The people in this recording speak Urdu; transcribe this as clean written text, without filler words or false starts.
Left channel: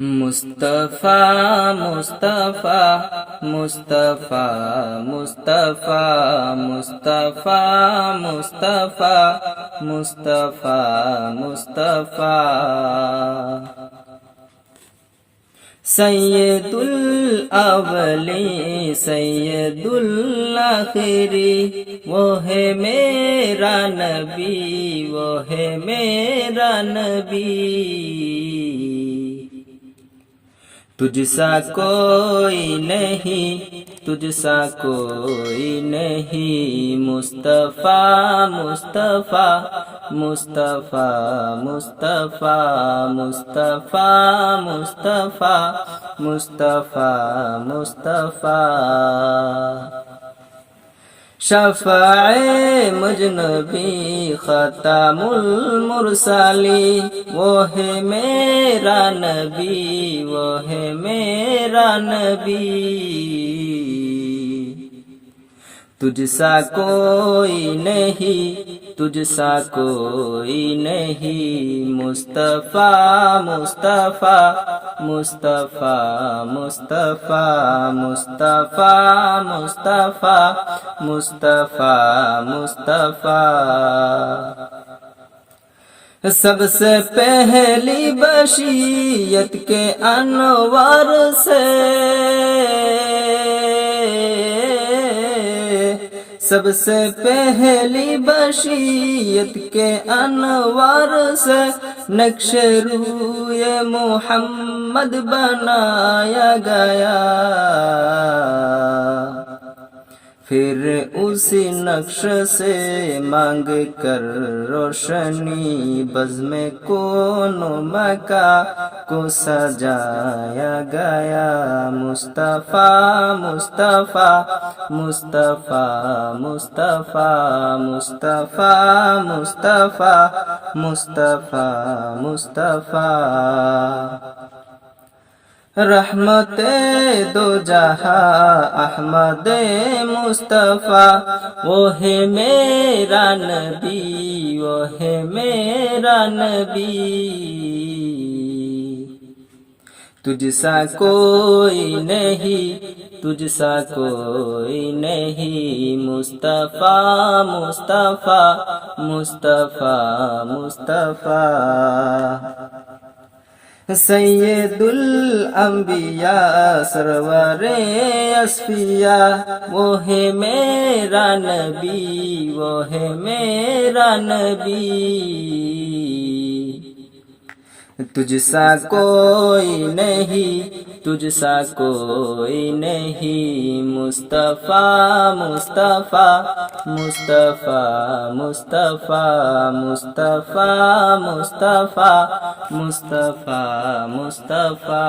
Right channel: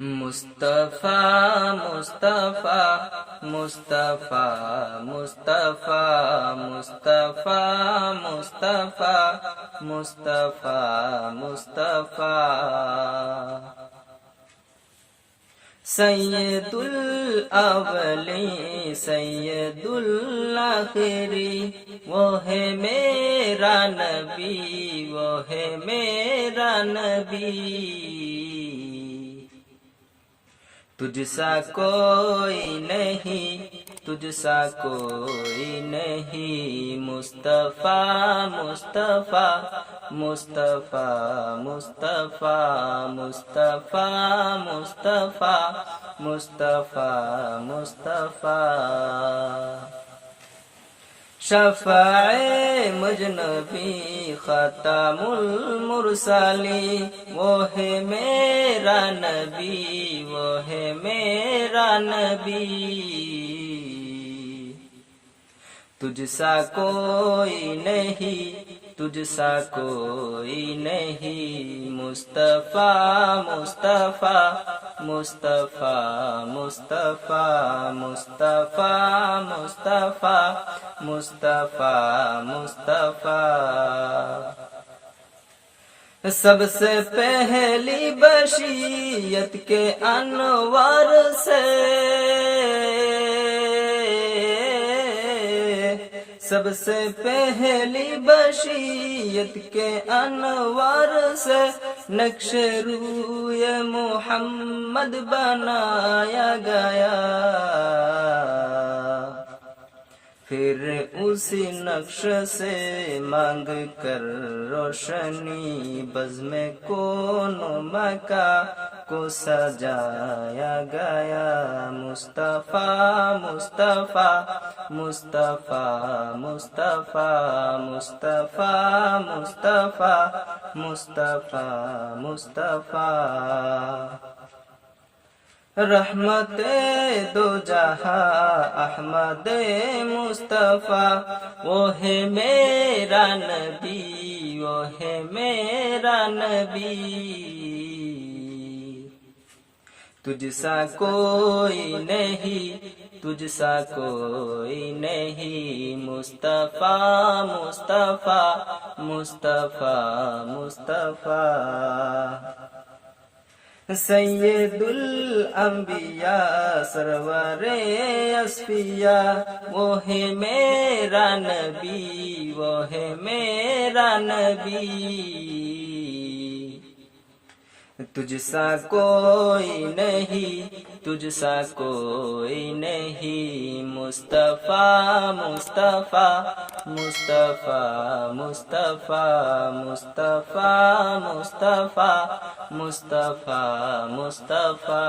مصطفیٰ مصطفیٰ مصطفیٰ مصطفیٰ مصطفیٰ مصطفیٰ مصطفیٰ مصطفیٰ سید الاولی سید الاخری وہ ہے میرا نبی، وہ ہے میرا نبی، تجھ سا کوئی نہیں، تجھ سا کوئی نہیں، مصطفیٰ مصطفیٰ مصطفیٰ مصطفیٰ مصطفیٰ مصطفیٰ مصطفیٰ مصطفیٰ شفیع مجنبی خاتم المرسلین وہ ہے میرا نبی، وہ ہے میرا نبی، تجھ سا کوئی نہیں، تجھ سا کوئی نہیں، مصطفیٰ مصطفیٰ مصطفیٰ مصطفیٰ مصطفیٰ مصطفیٰ مصطفیٰ مصطفیٰ سب سے پہلی بشیت کے انوار سے، سب سے پہلی بشیت کے انوار سے نقش روی محمد بنایا گیا، پھر اسی نقش سے مانگ کر روشنی بزم کون و مکان کو سجایا گیا، مصطفیٰ مصطفیٰ مصطفیٰ مصطفیٰ مصطفیٰ مصطفیٰ مصطفیٰ مصطفیٰ رحمت دو جہاں احمد مصطفیٰ وہ ہے میرا نبی، وہ ہے میرا نبی، تجھ سا کوئی نہیں، تجھ سا کوئی نہیں، مصطفیٰ مصطفیٰ مصطفیٰ مصطفیٰ سید الانبیاء سرور اصفیاء وہ ہے میرا نبی، وہ ہے میرا نبی، تجھ سا کوئی نہیں، تجھ سا کوئی نہیں، مصطفیٰ مصطفیٰ مصطفیٰ مصطفیٰ مصطفیٰ مصطفیٰ مصطفیٰ مصطفیٰ